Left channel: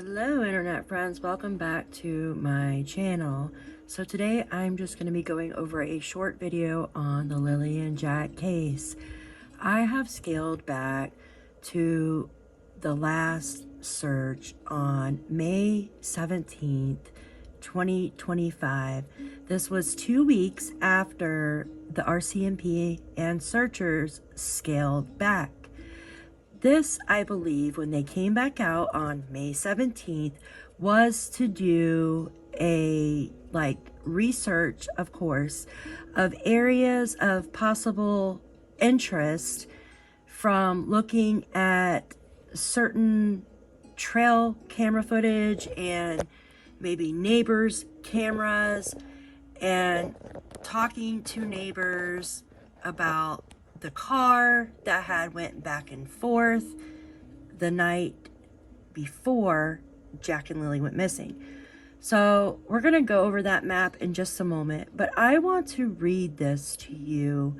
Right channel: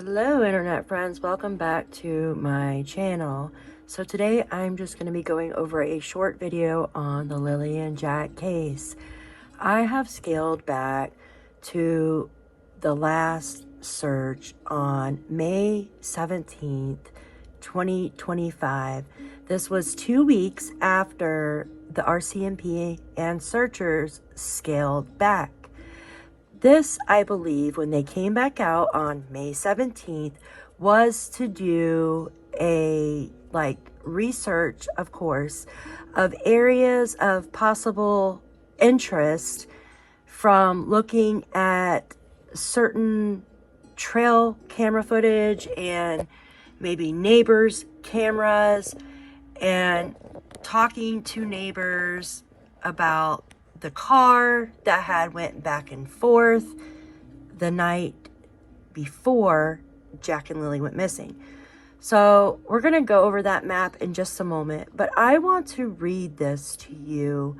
Hello internet friends, welcome back to my channel. So today I'm just going to be going over a short video on the Lilly and Jack case. I have scaled back to the last search on May 17th, 2025. This was 2 weeks after the RCMP and searchers scaled back. This, I believe, when they came back out on May 17th, was to do a research, of course, of areas of possible interest from looking at certain trail camera footage and maybe neighbors' cameras and talking to neighbors about the car that had went back and forth the night before Jack and Lilly went missing. So we're going to go over that map in just a moment, but I want to read this to you.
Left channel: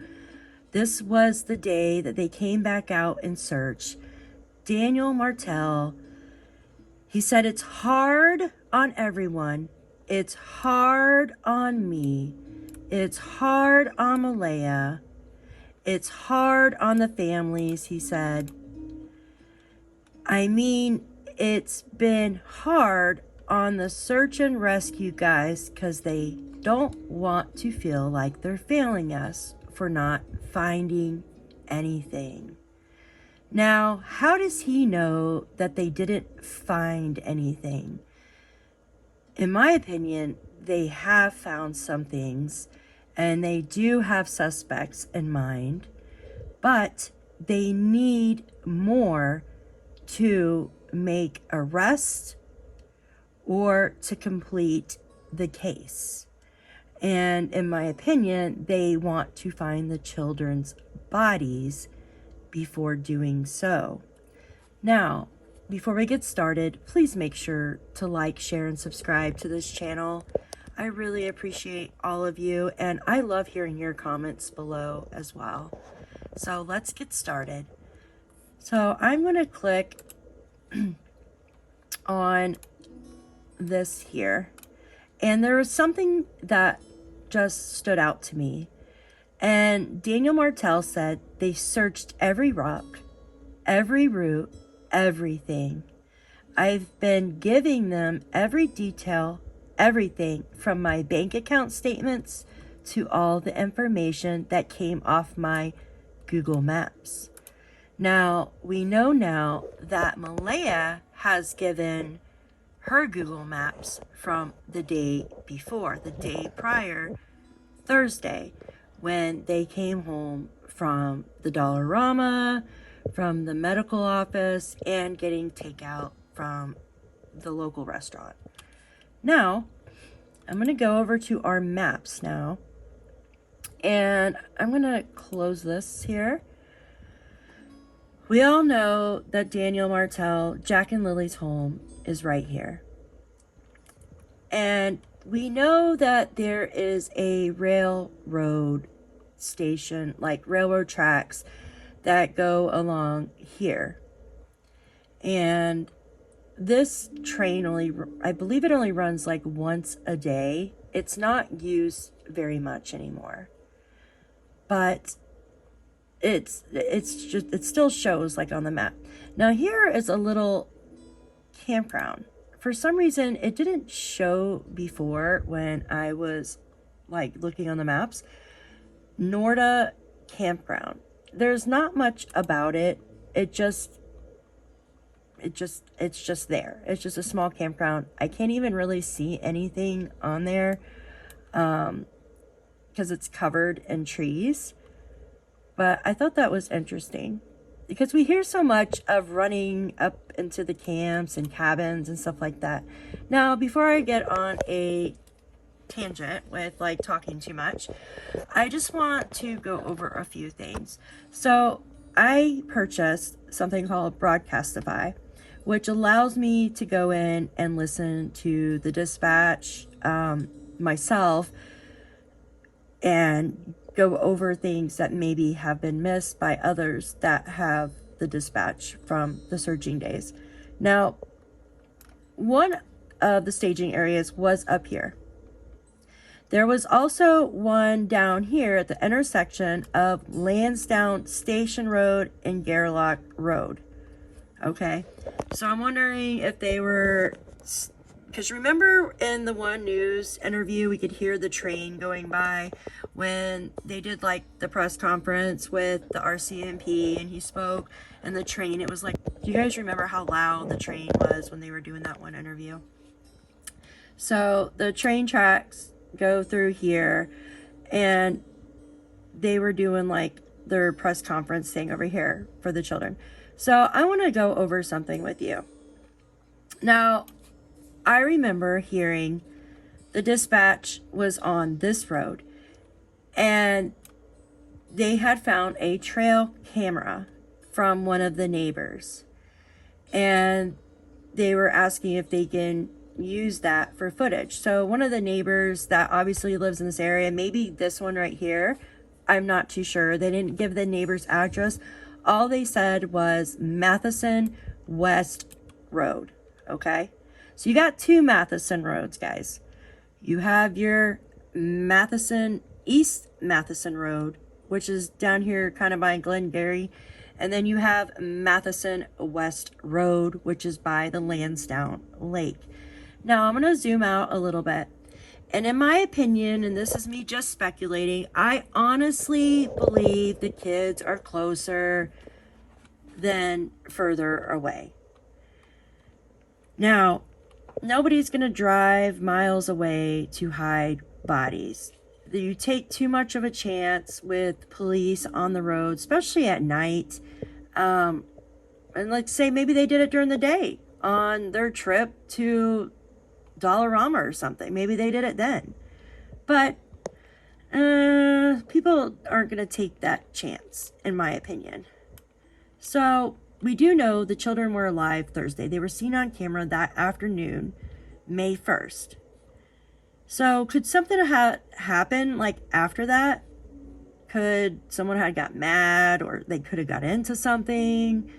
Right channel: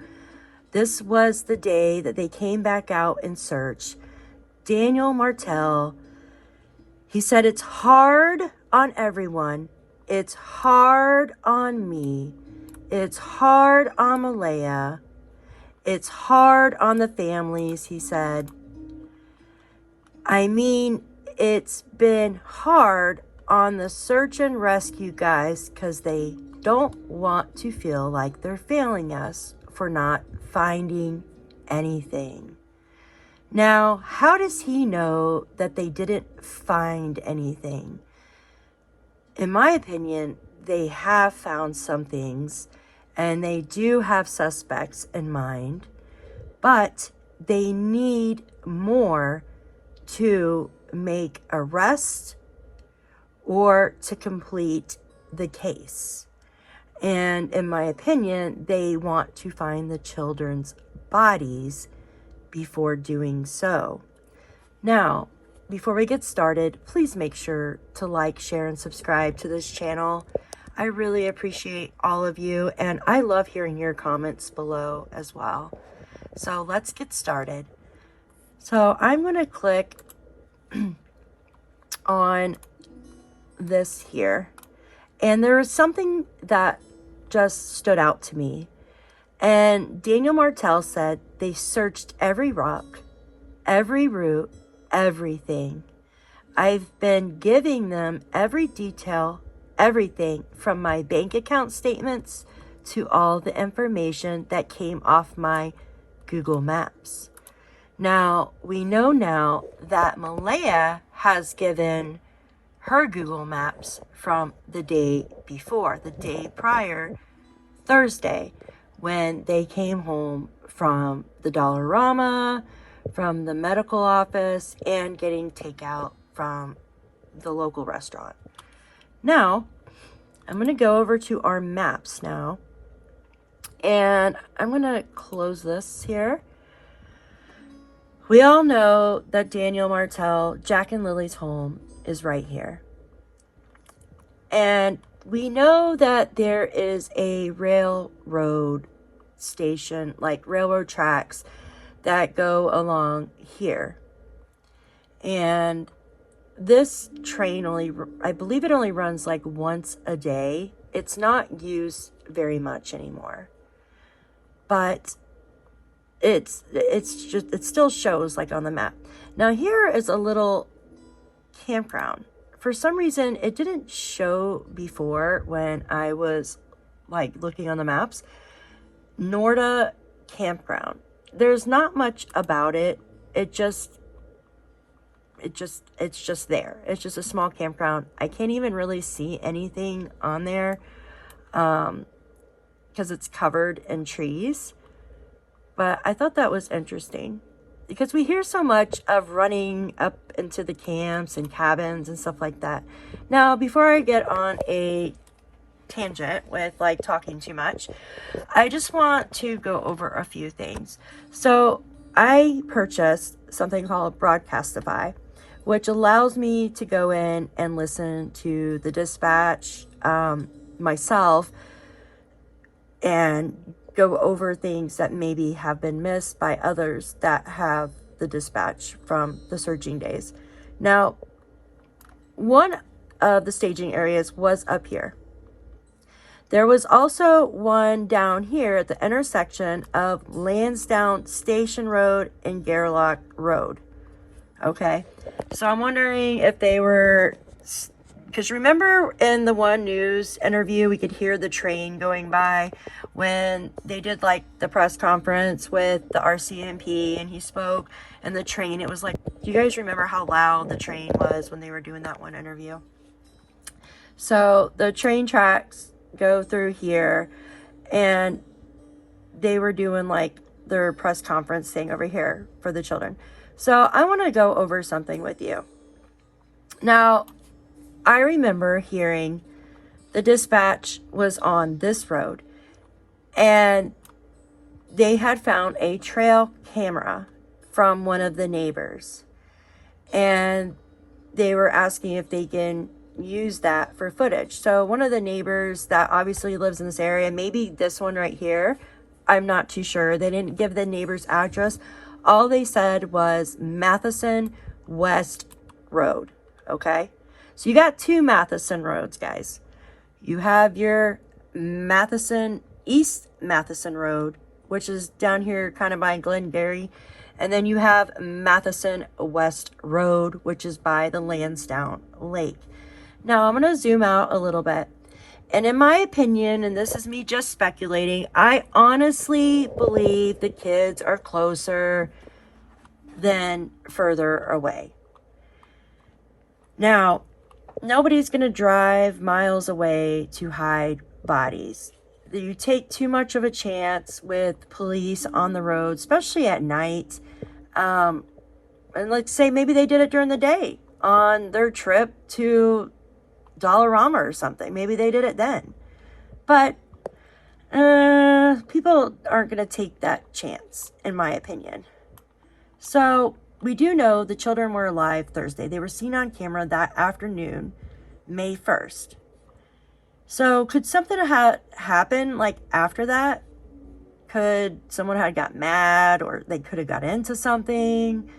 This was the day that they came back out in search. Daniel Martel, he said, "It's hard on everyone. It's hard on me. It's hard on Malaya. It's hard on the families," he said. "I mean, it's been hard on the search and rescue guys because they don't want to feel like they're failing us for not finding anything." Now, how does he know that they didn't find anything? In my opinion, they have found some things. And they do have suspects in mind, but they need more to make arrests or to complete the case. And in my opinion, they want to find the children's bodies before doing so. Now, before we get started, please make sure to like, share, and subscribe to this channel. I really appreciate all of you, and I love hearing your comments below as well. So let's get started. So I'm going to click on this here, and there was something that just stood out to me. And Daniel Martel said they searched every rock, every route, everything. I've been giving them every detail, everything from my bank account statements to all the information that came off my Google Maps. Now, we know now that Malaya has given her Google Maps from the day before, the day prior, Thursday, when they came home from the Dollarama, from the medical office, and getting takeout from the local restaurant. Now, I'm going to go over to our maps now, and I'm going to close this here. We all know that Daniel Martel, Jack and Lilly's home, is right here. And we know that there is a railroad station, like railroad tracks that go along here. And this train I believe it only runs like once a day. It's not used very much anymore, but it still shows like on the map. Now here is a little campground. For some reason, it didn't show before when I was like looking on the maps. Norda Campground. There's not much about it. It's just there. It's just a small campground. I can't even really see anything on there because it's covered in trees. But I thought that was interesting because we hear so much of running up into the camps and cabins and stuff like that. Now, before I get on a tangent with like talking too much, I just want to go over a few things. So I purchased something called Broadcastify, which allows me to go in and listen to the dispatch myself and go over things that maybe have been missed by others that have the dispatch from the searching days. Now, one of the staging areas was up here. There was also one down here at the intersection of Landsdowne Station Road and Gairloch Road. Okay, so I'm wondering if they were, because remember in the one news interview, we could hear the train going by when they did like the press conference with the RCMP and he spoke, and the train, it was like, do you guys remember how loud the train was when they were doing that one interview? So the train tracks go through here, and they were doing like their press conference thing over here for the children. So I want to go over something with you. Now, I remember hearing the dispatch was on this road, and they had found a trail camera from one of the neighbors, and they were asking if they can use that for footage. So one of the neighbors that obviously lives in this area, maybe this one right here, I'm not too sure. They didn't give the neighbor's address. All they said was Matheson West Road. Okay, so you got two Matheson roads, guys. You have your Matheson East Matheson Road, which is down here kind of by Glengarry, and then you have Matheson West Road, which is by the Landsdowne Lake. Now I'm going to zoom out a little bit, and in my opinion, and this is me just speculating, I honestly believe the kids are closer than further away. Now, nobody's going to drive miles away to hide bodies. You take too much of a chance with police on the road, especially at night. And let's say maybe they did it during the day on their trip to Dollarama or something. Maybe they did it then. But people aren't going to take that chance, in my opinion. So we do know the children were alive Thursday. They were seen on camera that afternoon, May 1st. So could something have happened like after that? Could someone have got mad, or they could have got into something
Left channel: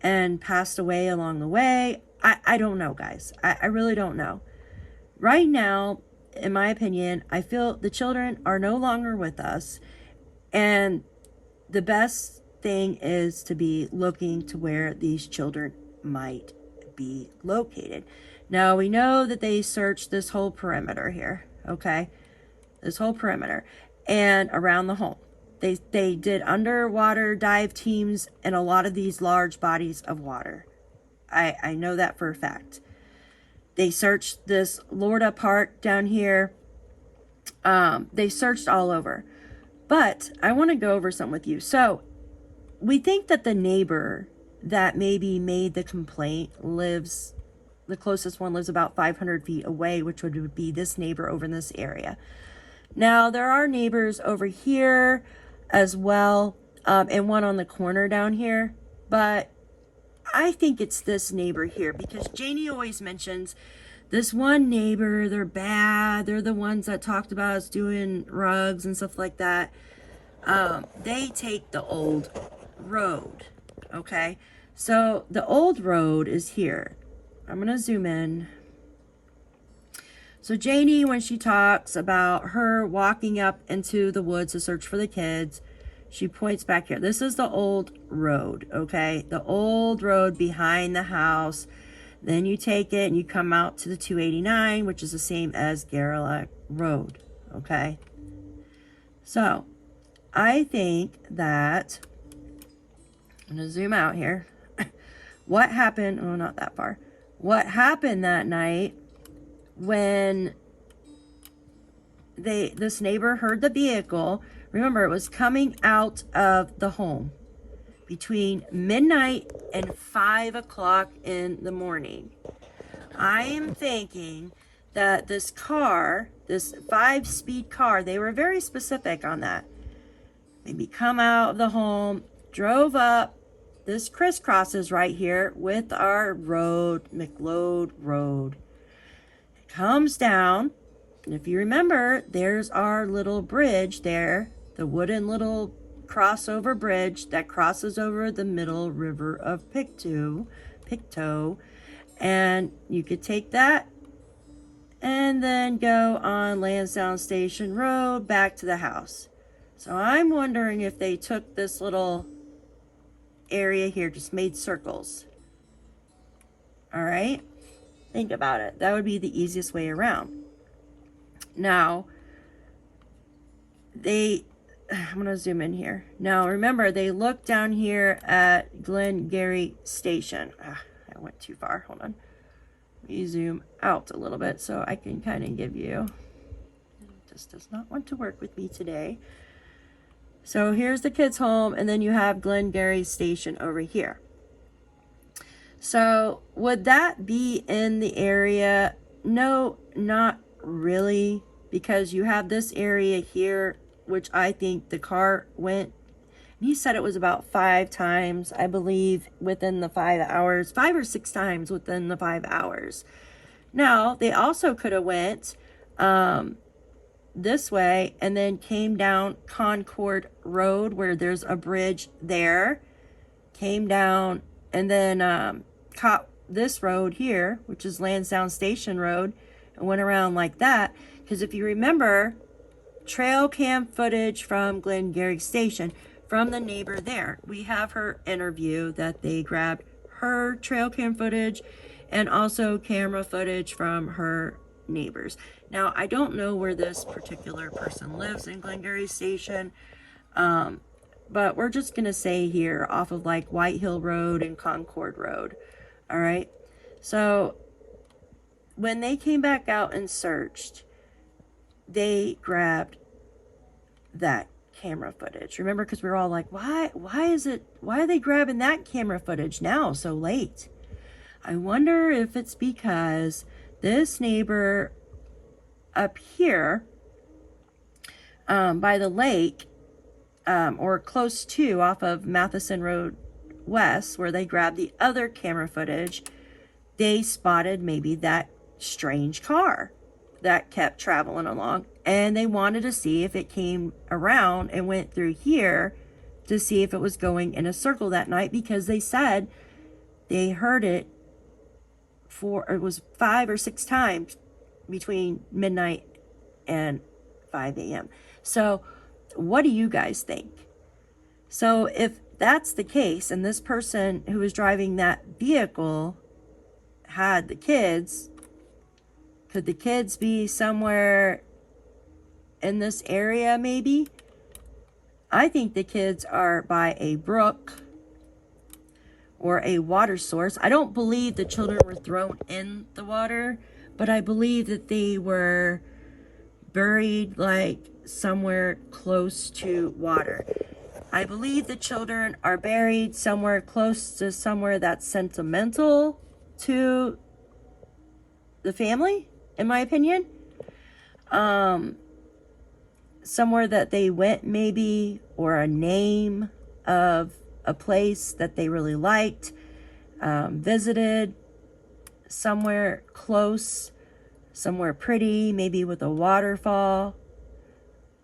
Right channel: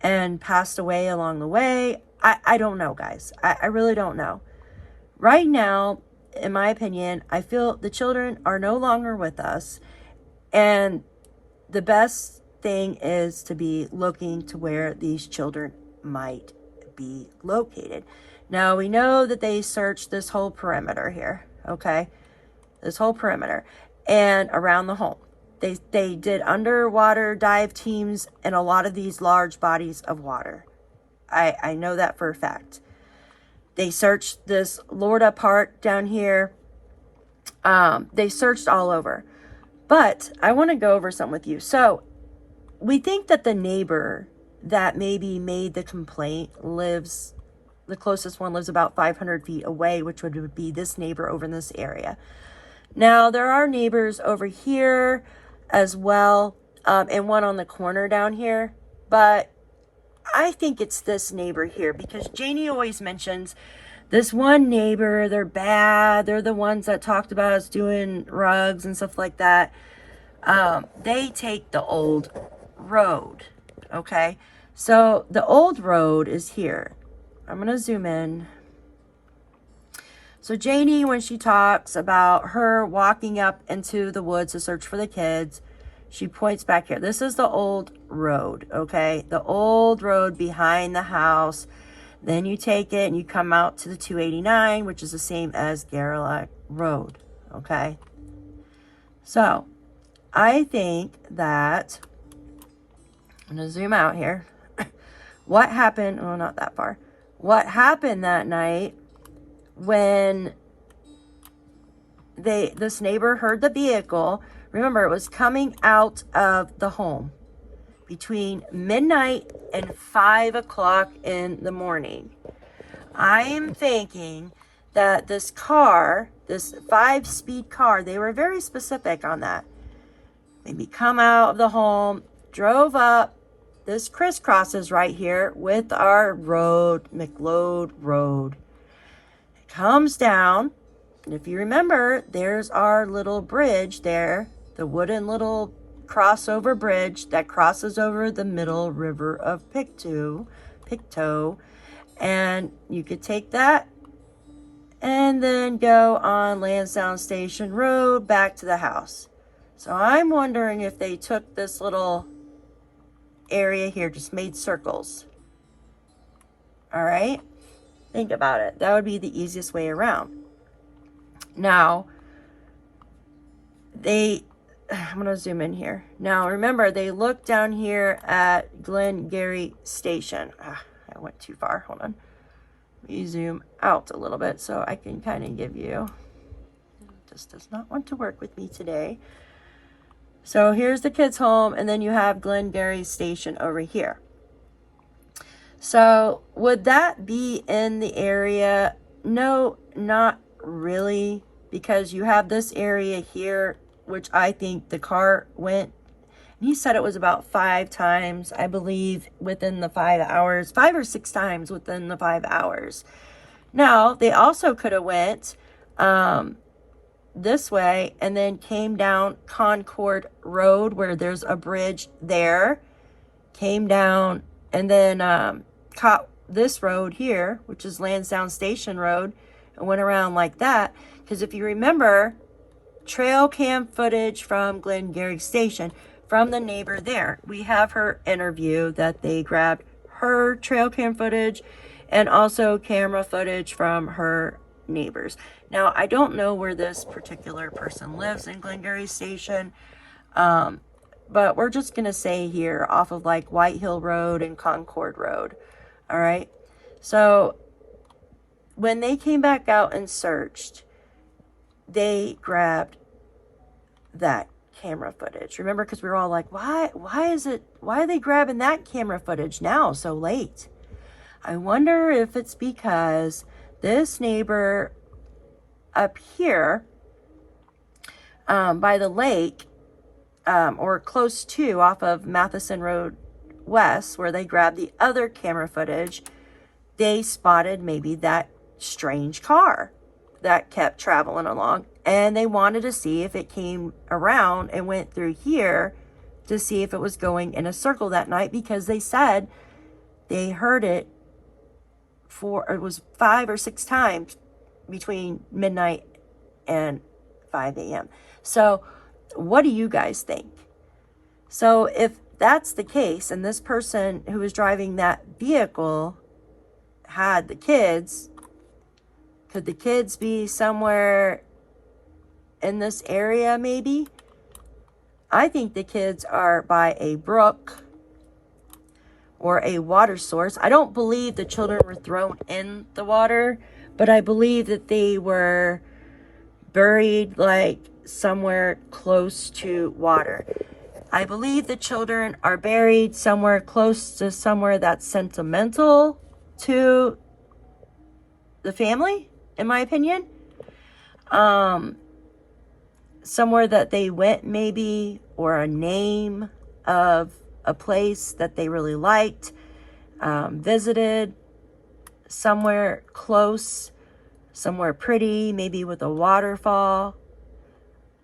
and passed away along the way? I don't know, guys. I really don't know. Right now, in my opinion, I feel the children are no longer with us, and the best thing is to be looking to where these children might be located. Now, we know that they searched this whole perimeter here, okay? This whole perimeter and around the home. They did underwater dive teams in a lot of these large bodies of water. I know that for a fact. They searched this Lorda Park down here. They searched all over. But I want to go over something with you. So we think that the neighbor that maybe made the complaint lives, the closest one lives about 500 feet away, which would be this neighbor over in this area. Now, there are neighbors over here as well, and one on the corner down here. But I think it's this neighbor here, because Janie always mentions this one neighbor, they're bad. They're the ones that talked about us doing rugs and stuff like that. They take the old road, okay? So the old road is here. I'm going to zoom in. So Janie, when she talks about her walking up into the woods to search for the kids, she points back here. This is the old road, okay? The old road behind the house. Then you take it and you come out to the 289, which is the same as Gairloch Road, okay? So I think that, I'm going to zoom out here. What happened, oh, not that far. What happened that night when this neighbor heard the vehicle? Remember, it was coming out of the home between midnight and 5 o'clock in the morning. I am thinking that this car, this 5-speed car, they were very specific on that. Maybe come out of the home, drove up. This crisscrosses right here with our road, McLeod Road. It comes down, and if you remember, there's our little bridge there, the wooden little crossover bridge that crosses over the middle river of Pictou. And you could take that and then go on Landsdowne Station Road back to the house. So I'm wondering if they took this little area here, just made circles. All right, think about it. That would be the easiest way around. Now, I'm gonna zoom in here. Now, remember, they looked down here at Glengarry Station. I went too far, hold on. Let me zoom out a little bit so I can kind of give you, it just does not want to work with me today. So here's the kids' home, and then you have Glengarry Station over here. So would that be in the area? No, not really, because you have this area here, which I think the car went, he said it was about 5 times, I believe, within the 5 hours, 5 or 6 times within the 5 hours. Now, they also could have went this way and then came down Concord Road, where there's a bridge there, came down and then caught this road here, which is Landsdowne Station Road, and went around like that. Because if you remember, trail cam footage from Glengarry Station from the neighbor there. We have her interview that they grabbed her trail cam footage and also camera footage from her neighbors. Now, I don't know where this particular person lives in Glengarry Station, but we're just going to say here off of like White Hill Road and Concord Road. All right. So when they came back out and searched, they grabbed that camera footage. Remember, because we were all like, why are they grabbing that camera footage now so late? I wonder if it's because this neighbor up here by the lake, or close to, off of Matheson Road West, where they grabbed the other camera footage, they spotted maybe that strange car that kept traveling along, and they wanted to see if it came around and went through here to see if it was going in a circle that night, because they said they heard it it was 5 or 6 times between midnight and 5 a.m. So what do you guys think? So if that's the case, and this person who was driving that vehicle had the kids, could the kids be somewhere in this area maybe? I think the kids are by a brook or a water source. I don't believe the children were thrown in the water, but I believe that they were buried like somewhere close to water. I believe the children are buried somewhere close to somewhere that's sentimental to the family, in my opinion. Somewhere that they went maybe, or a name of a place that they really liked, visited, somewhere close, somewhere pretty, maybe with a waterfall.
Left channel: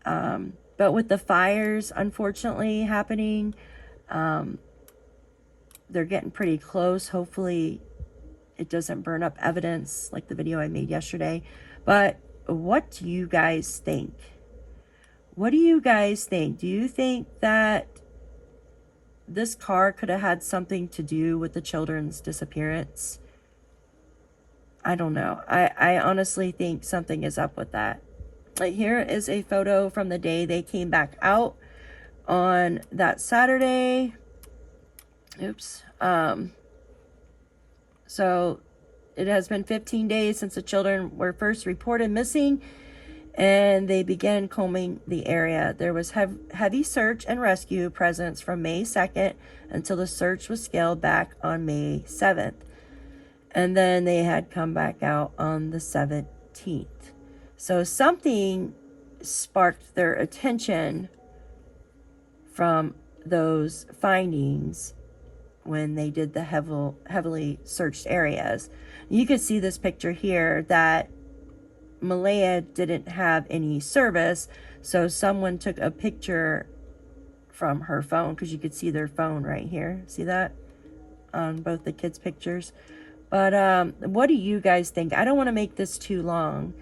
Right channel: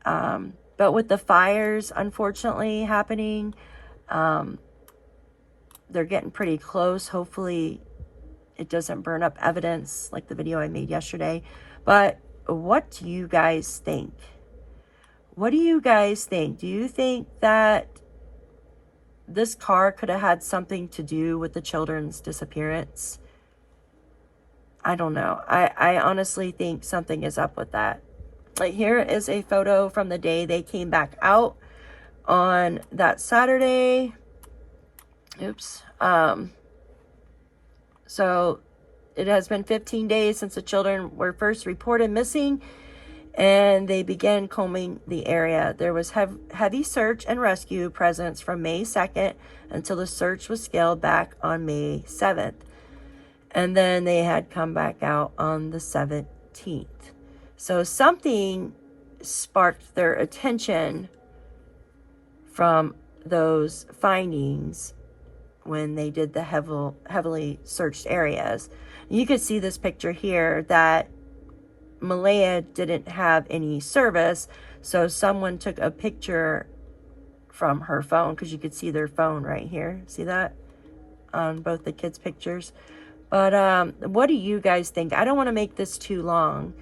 But with the fires, unfortunately, happening, they're getting pretty close. Hopefully it doesn't burn up evidence like the video I made yesterday. But what do you guys think? What do you guys think? Do you think that this car could have had something to do with the children's disappearance? I don't know. I honestly think something is up with that. Like, here is a photo from the day they came back out on that Saturday. Oops. So it has been 15 days since the children were first reported missing, and they began combing the area. There was heavy search and rescue presence from May 2nd until the search was scaled back on May 7th. And then they had come back out on the 17th. So something sparked their attention from those findings when they did the heavily searched areas. You could see this picture here that Malaya didn't have any service, so someone took a picture from her phone, because you could see their phone right here. See that on both the kids' pictures? But what do you guys think? I don't want to make this too long,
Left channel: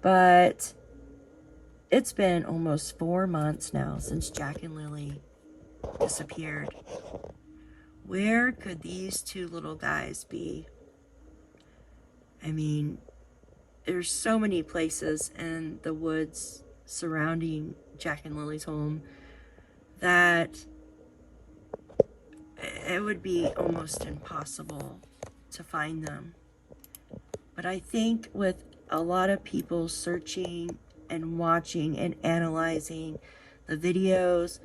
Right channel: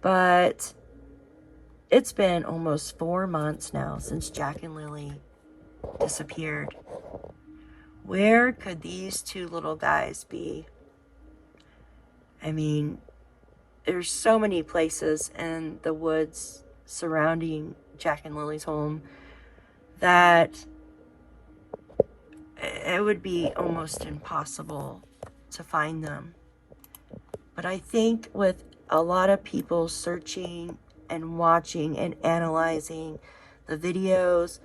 but it's been almost 4 months now since Jack and Lilly disappeared. Where could these two little guys be? I mean, there's so many places in the woods surrounding Jack and Lily's home that it would be almost impossible to find them. But I think with a lot of people searching and watching and analyzing the videos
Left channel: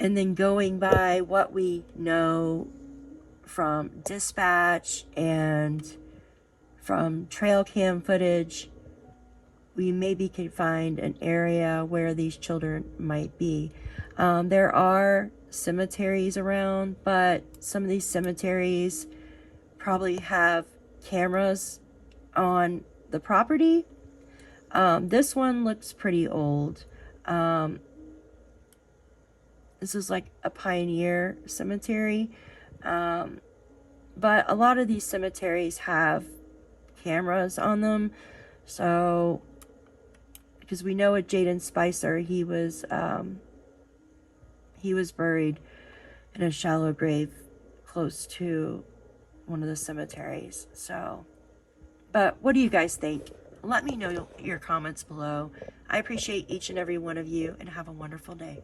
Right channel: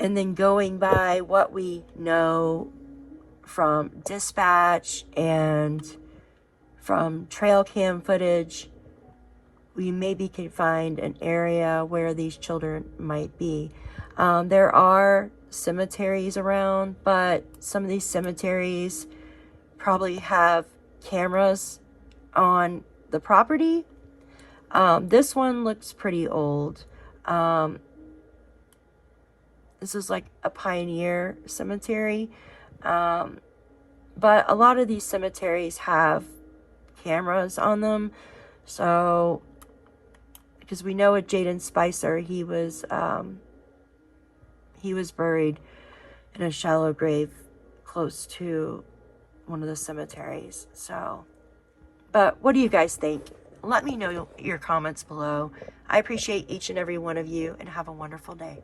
and then going by what we know from dispatch and from trail cam footage, we maybe can find an area where these children might be. There are cemeteries around, but some of these cemeteries probably have cameras on the property. This one looks pretty old. This is like a pioneer cemetery. But a lot of these cemeteries have cameras on them. So, because we know with Jaden Spicer, he was buried in a shallow grave close to one of the cemeteries. So, but what do you guys think? Let me know your comments below. I appreciate each and every one of you, and have a wonderful day.